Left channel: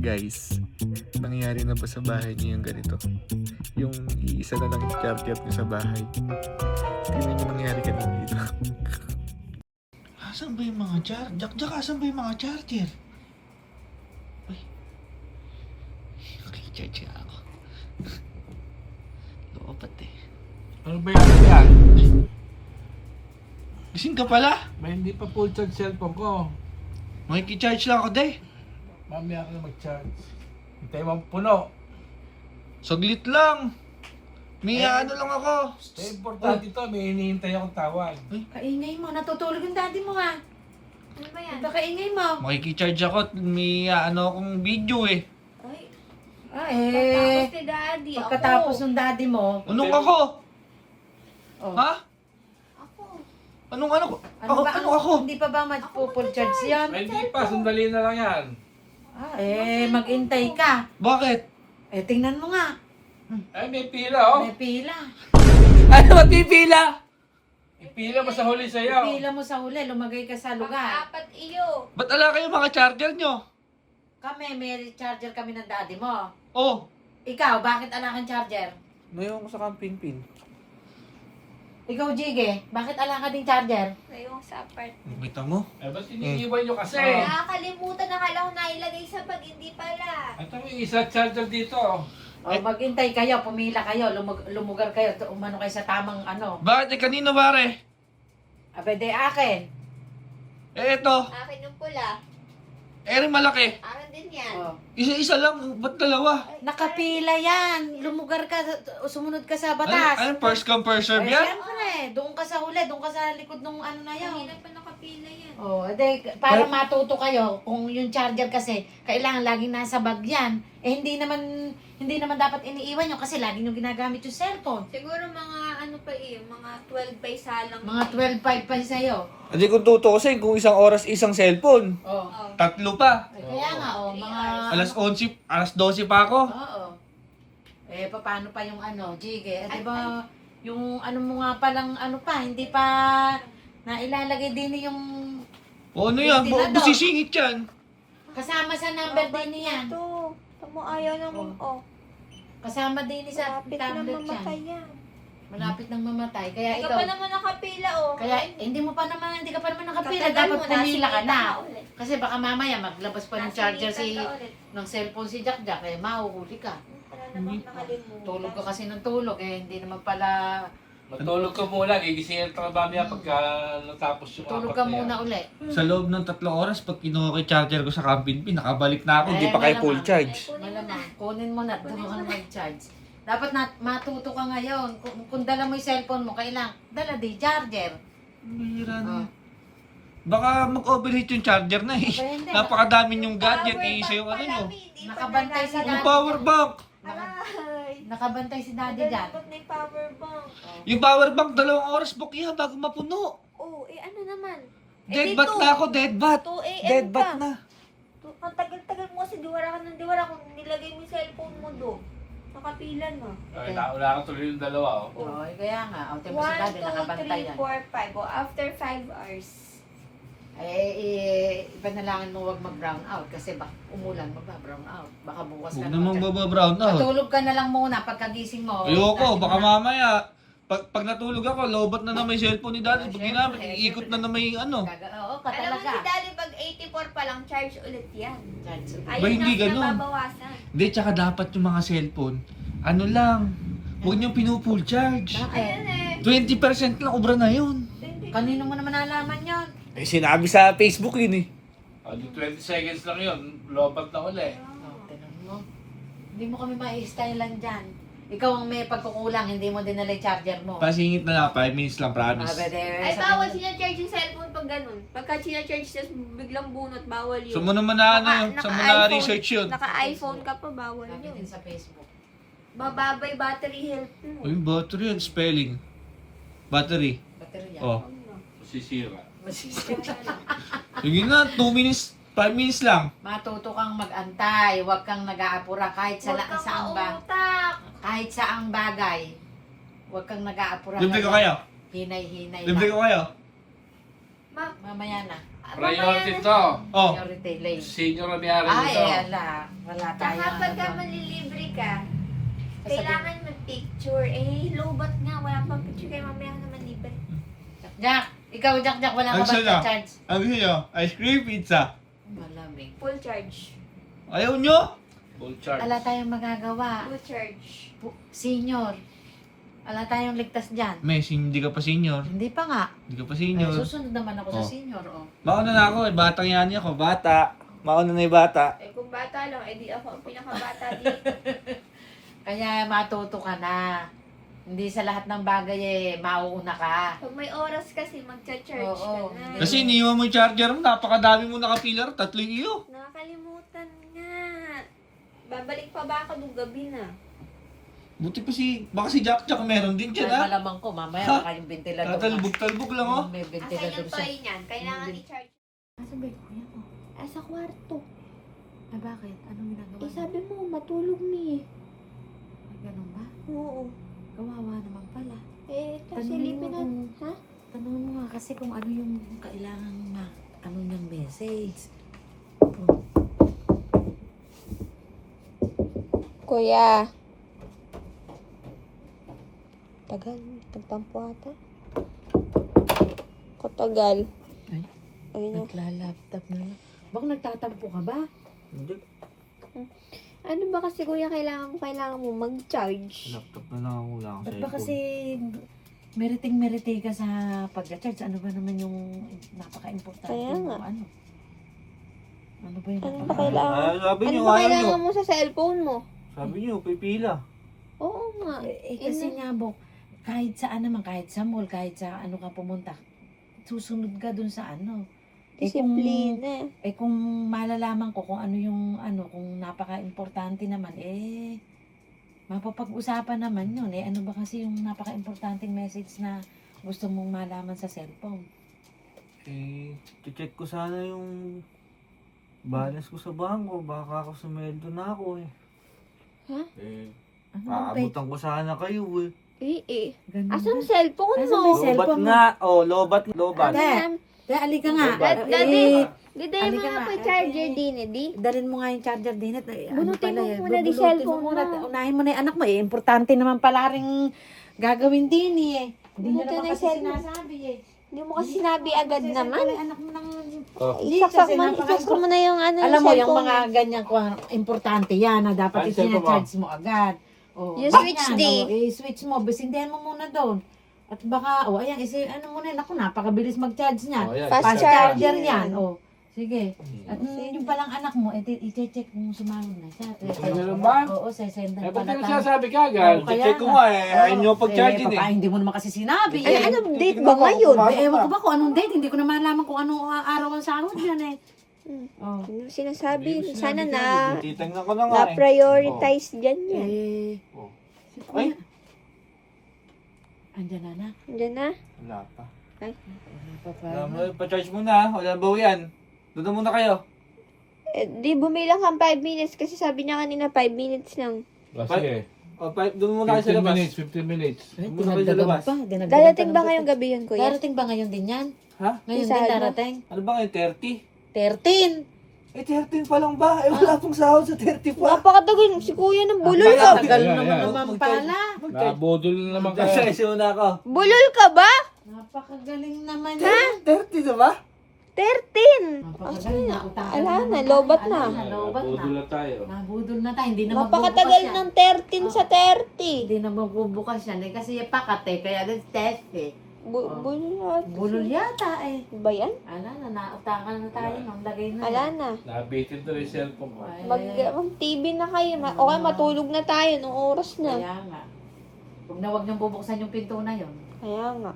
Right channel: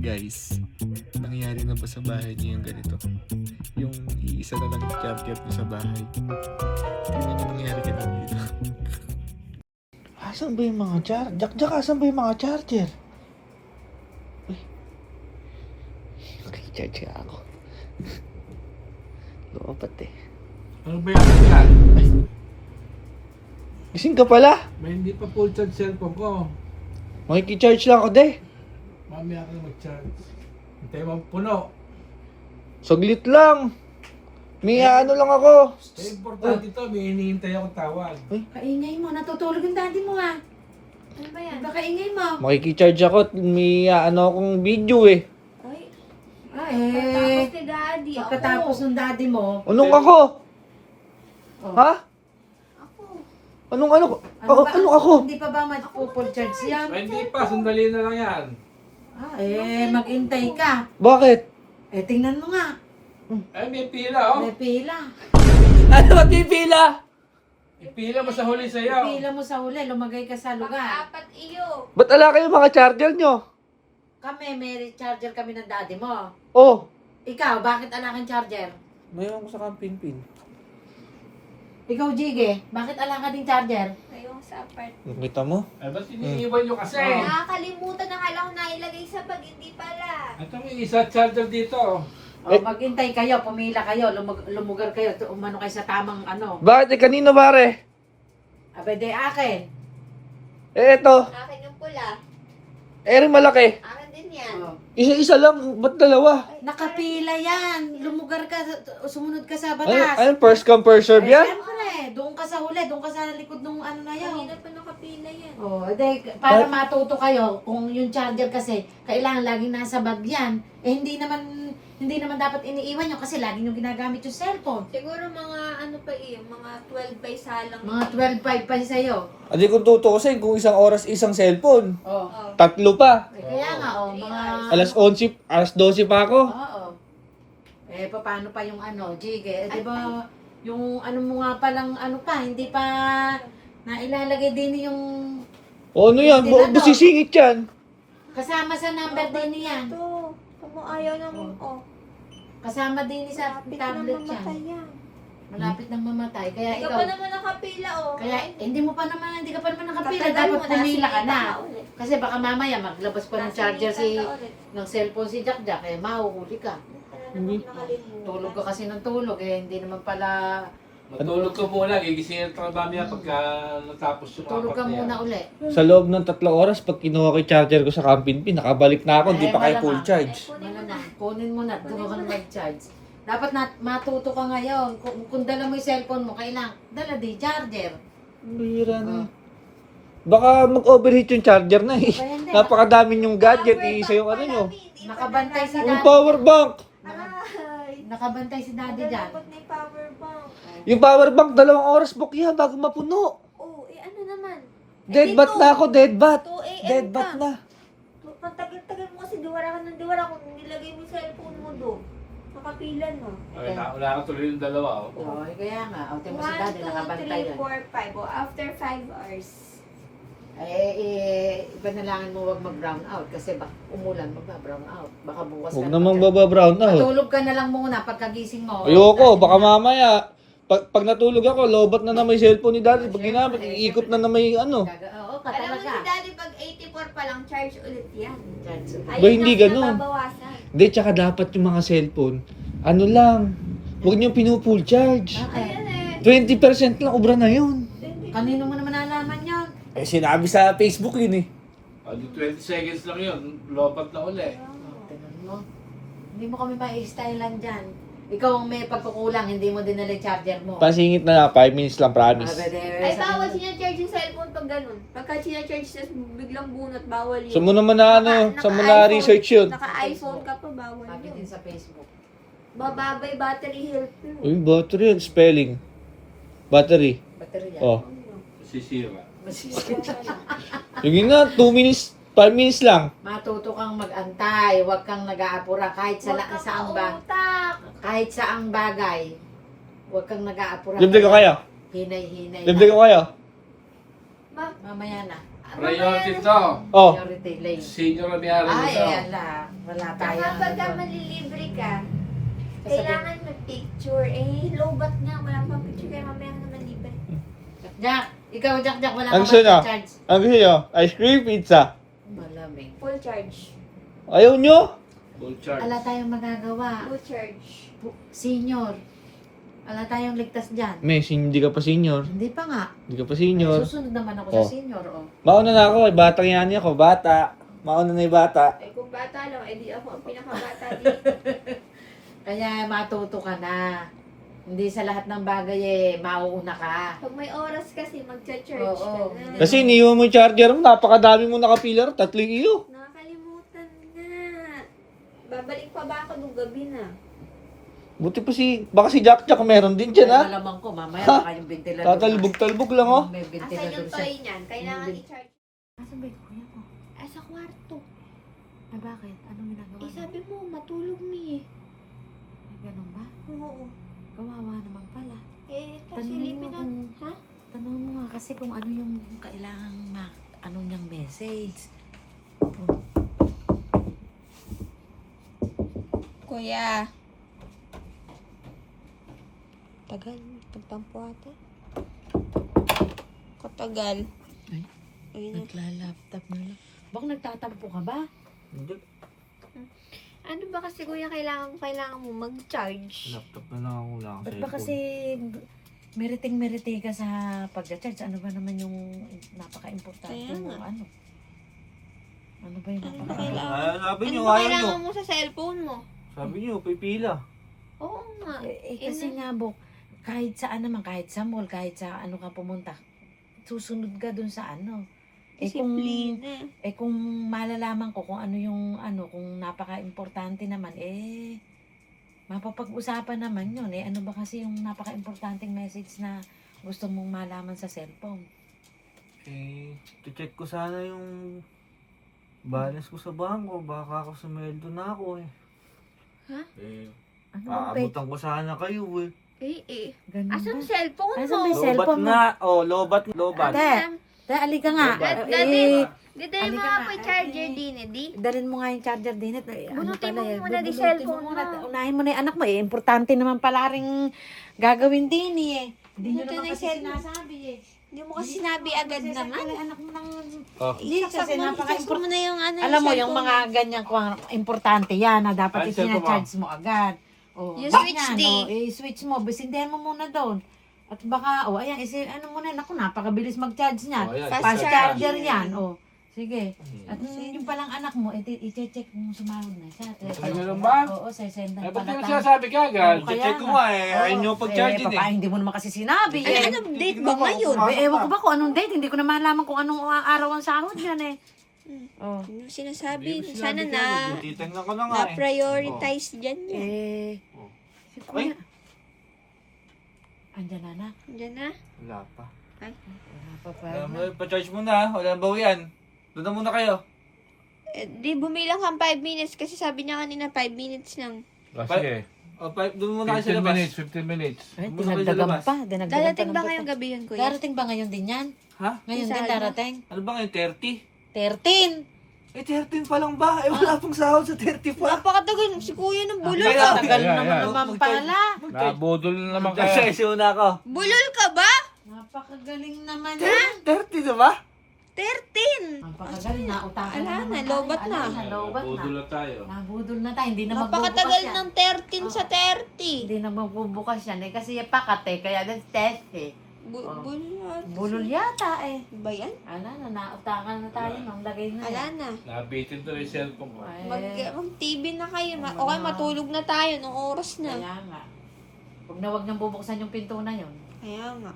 Guys, nangyayari na ba sa bahay niyo yung ganito? Yung iisa na lang yung charger niyo sa bahay. Tingnan niyo nangyayari ka dito. Asan ba yung mga charger? Jack, asan ba yung mga charger? Okay, charge nga ako. Loobat eh. Ano ba yan? Gising ka pala? May hindi pa full charge cellphone ko. Makikicharge lang ako, day. Mamaya ako mag-charge. Hintay mo puno. Saglit lang. May ano lang ako. Eh, importante ito. May hinihintay akong tawag. Kaingay mo, natutulog yung daddy mo ah. Ano ba yan? Baka ingay mo. Makikicharge ako at may ano akong video eh. Ay, Eh, pagkatapos ni daddy. pagkatapos ng daddy mo, Anong ako? oh, Ha? Ako. Anong ano? ano ako? Hindi pa ba mag-full charge yan? Ay, hindi pa. Sandali na lang yan. Mag-intay ka. Bakit? Tingnan mo nga. Ay, may pila oh. May pila. Ano matipila? Ipila mo sa huli sa'yo. Pila mo sa huli, lumagay ka sa lugar. Pang-apat iyo. Ba't ala kayo mga charger nyo? Kami, may charger kami ng daddy mo. Oh, Ikaw, bakit alakan charger? mayroon ko sa camping pin. Ikaw, Jige, bakit alakan din charger? Ngayong sa apart. Nakita mo? Ay, ba't iniiwan nyo kasi? Nakakalimutan na kala ko nailagay sa bag, hindi pala. At may isa charger dito. Maghintay kayo, pumila kayo, lumugar kayo, umano kayo sa tamang ano. Bakit kanina pare? Pwede akin. Eto, Akin yung pula. ring malaki. Akin din yan. Oh. Isa-isa lang, ba't dalawa? Nakapila yan. Lumugar ka, sumunod ka sa Ano, batas. first come first serve yan? Siyempre, doon ka sa huli, doon ka sa likod ng ano na yun. Kanina pa nakapila yan. Oh, para matuto kayo, kung yung charger kasi, kailangan laging nasa bag yan. Hindi naman dapat iniiwan nyo kasi laging yung ginagamit yung cellphone. Siguro mga ano pa iyo, mga 12 pa isa lang. Mga 12.5 pa sa'yo. Adi kung tutuusin, kung isang oras isang cellphone, Oh. Oh. tatlo pa. Kaya nga, mga... Alas 11, alas 12 pa ako. Oo. Paano pa yung ano, Jige? Di ba, yung ano mo nga palang ano pa, hindi pa nailalagay din yung O ano yan, Ventilador. busisingit yan. kasama sa number din yan. Ito. Tamo ayaw naman. Oh. Kasama din sa Malapit na tablet mamatay yan. yan. Malapit nang mamatay. Kaya Hindi ka ikaw, pa naman nakapila oh. kaya hindi ka pa naman nakapila. Tatagal Dapat mo na, pumila ka na. sinita ulit. Kasi baka mamaya maglabas pa ng charger Nasinita ka ulit. ng cellphone si Jack Jack, mahuhuli ka. Wala namang nakalimutan. Tulog ka kasi ng tulog, hindi naman pala, Matulog ka muna. Gigising ang trabaho niya pagka natapos yung tulog ka muna uli. Sa loob ng 3 oras, pag kinuha ko yung charger ko sa camping pin, nakabalik na ako, hindi pa kayo full malamang. charge. Malamang, kunin mo na, doon ka na mag-charge. Dapat matuto ka ngayon. Kung dala mo yung cellphone mo, kailang dala di charger. Bira Oh. na. Baka mag-overheat yung charger na eh. Kaya hindi, Napakadami yung gadget, isa yung ano nyo. Nakabantay si Yung daddy. power bank. Aray. Nakabantay si daddy dyan. Dapat na yung power bank. Yung power bank, 2 oras book yan bago mapuno. Oh, ano naman? Dead bat na ako, dead bat. 2 a.m. Dead ka. bat na. Ang tagal-tagal mo kasi diwara ka ng diwara kung nilagay mo yung cellphone mo doon. Nakapila na. Ay, nauna ka tuloy yung dalawa oh. Oh, kaya nga. O, 1, tingnan mo si daddy, 2, nakabantay 3, yan. 4, 5. Oh, after 5 hours. Ipanalangin mo wag mag-brown out kasi baka umulan, mag-brown out. Baka bukas Huwag ka namang baba-brown out. Matulog ka na lang muna pagkagising mo. Ayoko, baka Daddy, mamaya. Pag natulog ako, lobat na may cellphone ni daddy. Pag ginamit, iikot na may ano. Oo, ka Alam mo talaga. si daddy pag 84 pa lang charge ulit yan. Chance. Ba, hindi na ganun. nababawasan. Hindi, tsaka dapat yung mga cellphone, ano lang, huwag nyo pinupull charge. Bakit? 20% lang, obra na yun. Kanino mo naman nalaman yun? Eh, sinabi sa Facebook yun eh. Oh, di 20 seconds lang yun. Lobat na uli. Oh, tingnan mo. Hindi mo kami ma-stylean dyan. Ikaw ang may pagkukulang, hindi mo dinala yung charger mo. Pasingit na lang, 5 minutes lang, promise. Ay, bawal sinacharge yung cellphone pag ganun. Pagka sinacharge tapos biglang bunot, bawal yun. So mo naman na ano, sa mo na research yun. Naka-iPhone ka pa, bawal Sabi yun. din sa Facebook. Bababay battery health yun. Uy, battery yun, spelling. Battery. Baterya. Oh. Sisira. Yung na, 2 minutes, 5 minutes lang. Matuto kang mag-antay, huwag kang nag-aapura kahit sa saang kahit saang bagay. Huwag kang nag-aapura. Libre ko kayo. Hinay-hinay Libre lang. ko kayo. Mamaya na. Priority to. Oh, Priority lane. Senior na mayari Ay, dito. wala Saka tayong pagka ano. malilibre ka, Sasabihin- kailangan mag-picture. Eh, lobat nga. Wala pang picture kaya mamaya ka naman libre. Jack, ikaw Jack, wala Ang ka gusto ba na? charge? ang gusto nyo? Ice cream, pizza. Malamig. Full charge. Ayaw nyo? Full charge. Wala tayong magagawa. Full charge. Senior. Wala tayong ligtas dyan. Mes, hindi ka pa senior. Hindi pa nga. Hindi ka pa Ay, senior. susunod naman ako sa Oh. senior. Oh. Mauna na ako, bata yan ako, bata. Mauna na yung bata. Eh, kung bata lang, edi ako ang pinakabata dito. Kaya matuto ka na. Hindi sa lahat ng bagay mauuna ka. Pag may oras kasi, magcha-charge Oo. ka na. Kasi iniwan mo yung charger mo, napakadami mo nakapilar, 3 ilo. Nakakalimutan nga. Babalik pa ba ako nung gabi na? Buti pa baka si Jack meron din Ay, dyan ha. malamang ko, mamaya baka yung ventilador. Tatalbog-talbog lang oh. May Asan ventilador yung siya. toy niyan? Kailangan Hindi. i-charge. Asan ba yung kuya ko? Sa kwarto. Ay, bakit? Anong ginagawa niya? sabi mo, matulog ni. Ay, ganun ba? Oo. Kawawa naman pala. Eh, Tanungin mo kung, Ha? tanungin mo nga kasi kung ano yung kailangan na, ano niyang message. Kuya. Tagal. Tagtampo ata. Katagal. Ay. Ayun na. Nagla-laptop na lang. Baka nagtatampo ka ba? Ano ba kasi kuya kailangan mo mag-charge? Laptop na lang ako, wala akong Ba't ba kasi meriting-merite ka sa pag-charge? Ano ba naman yung napaka-importante Kaya mo? nga. Ano? Ano ba yung Ano ba napaka- kailangan? Sabi Ano nyo, ba ayaw nyo. kailangan mo sa cellphone mo? Sabi nyo, pipila. Oo nga. Kasi nga, Bok, kahit saan naman, kahit sa mall, kahit sa ano ka pumunta, susunod ka dun sa ano. Disiplina. Kung malalaman ko kung ano yung ano, kung napaka-importante naman, mapapag-usapan naman yun. Ano ba kasi yung napaka-importanting message na gusto mong malaman sa cellphone? Check ko sana yung balance ko sa bangko. Baka ako sumeldo na ako Ano bang pay? Aabutan ko sana kayo Ganun Asan ba? cellphone Asan mo? ba yung cellphone mo? lobat. Ate, alika nga. Di tayo Halika mga nga. pa charger din di. Dalhin mo nga yung charger din. At, Bunutin mo muna di bubulutin cellphone mo muna. mo. Unahin mo na yung anak mo. Importante naman pala rin gagawin din Hindi nyo Bunutin naman na yung kasi cellphone. sinasabi Hindi mo kasi sinabi agad Kasi naman. pala anak mo nang... Oh. Isaksak mo na yung ano Alam mo, yung cellphone mga ganyan kung importante yan na dapat Ano cellphone mo? charge mo agad. Oh, Yung ganyan, switch di. switch mo. Bisindihan mo muna doon. At baka, ayan, ano muna, naku, napakabilis mag-charge niyan. Oh, yan. Fast Fast charge. charger yan. Oh. Sige. At Sige. yung palang anak mo, i-check kung sumahod na siya. Ganun ba? Oo, sesendan Eh, ba't pala ka tayo. nagsasabi ka agad? Oo, kaya Check ko nga. nga ayaw nyo pag-charge Papa, hindi mo naman kasi sinabi. Anong date ba ngayon? Ewan ko ba kung anong date, hindi ko na malaman kung anong araw ang sahod yan Oh. Ano sinasabi? Hindi mo Sana sinabi na ka, titignan ko na nga na-prioritize dyan yan. Ay. Andyan na na. Diyan na. Wala pa. Wala pa Wala mo, pa. pa-charge muna ha. Wala ba yan? Doon na muna kayo. Di bumilang kang 5 minutes kasi sabi niya kanina 5 minutes lang. Oh, sige. Doon muna kayo sa 15 labas. minutes, 15 minutes. Ay, Muna kayo sa dinagdagan labas. pa. Dinagdagan Dadating pa ba ng ngayong buti. gabi yun, kuya? Darating ba ngayon din yan? Ha? Ngayon Isa, din ano? darating? Ano ba ngayon? 30? 13! 13 pa lang ba? Wala pong sahod sa 30 pa. Napakatagal. Si kuya ng bulol Kaya ka. Tagal Ayan, naman ayan. naman pala. Nabudol na naman kayo. Mag-charge muna ako. Bulol ka ba? Napakagaling naman. 30 na ba? 13. Napakagaling. Nautakan Ala naman na, tayo. lobat na. Ala lobat Nabudol na. na tayo. Nabudol na tayo. Hindi na Napakatagal magbubukas ng yan. 13 sa 30. Hindi na magbubukas yan kasi pakat kaya agad test Bulol. Bulol yata Ba yan? Ala na, nautakan na tayo. Ang lagay na. Ala na. Nabitin to yung cellphone ko. Ay, Mag-TV na kayo. Okay, matulog na tayo nung oras na. Kaya nga. Huwag na huwag niyang bubuksan yung pinto na yon. Kaya nga.